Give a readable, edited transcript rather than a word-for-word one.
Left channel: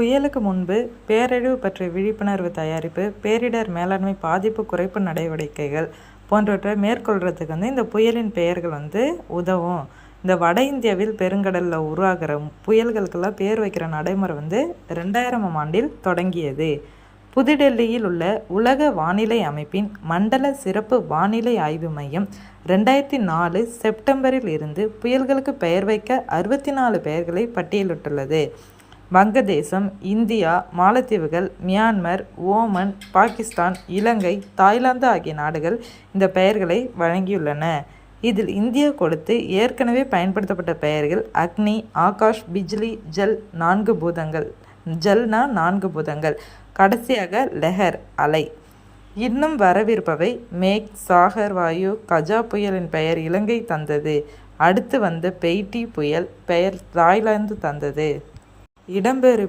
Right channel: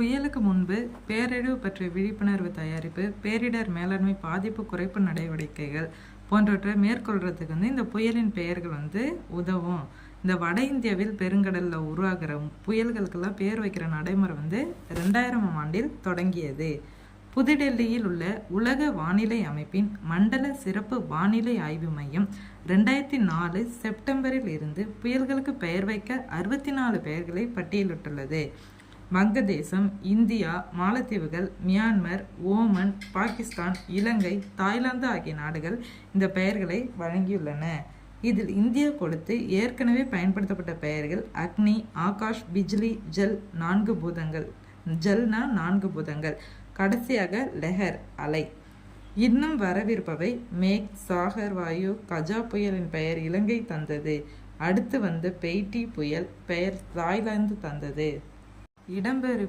புயலுக்கு முன்பு பேரழிவு பற்றிய விழிப்புணர்வு தயாரிப்பு, பேரிடர் மேலாண்மை, பாதிப்பு குறைப்பு நடவடிக்கைகள் போன்றவற்றை மேற்கொள்றதுக்கு இந்த புயலின் பெயர்கள் உதவும். இந்த வட இந்தியாவில் பெருங்கடலில் உருவாகிற புயல்களுக்கெல்லாம் பேர் வைக்கிற நடைமுறை 2000ஆம் ஆண்டில் தொடங்கியது. புதுடெல்லியில் உள்ள உலக வானிலை அமைப்பின் மண்டல சிறப்பு வானிலை ஆய்வு மையம் 2004 செப்டம்பரில் இருந்து புயல்களுக்கு பெயர் வைக்க 64 பெயர்களை பட்டியலிட்டுள்ளது. வங்கதேசம், இந்தியா, மாலத்தீவுகள், மியான்மர், ஓமன், பாகிஸ்தான், இலங்கை, தாய்லாந்து ஆகிய நாடுகள் இந்த பெயர்களை வழங்கியுள்ளன. இதில் இந்தியா கொடுத்து ஏற்கனவே பயன்படுத்தப்பட்ட பெயர்கள் அக்னி, ஆகாஷ், பிஜ்லி, ஜல் 4 பூதங்கள். ஜல்னா 4 பூதங்கள். கடைசியாக லெஹர் அலை. இன்னும் வரவிருப்பவை மேக், சாகர், வாயு. கஜா புயலின் பெயர் இலங்கை தந்தது. அடுத்து வந்த பெய்டி புயல் பெயர் தாய்லாந்து தந்தது. இடம்பெயர்வு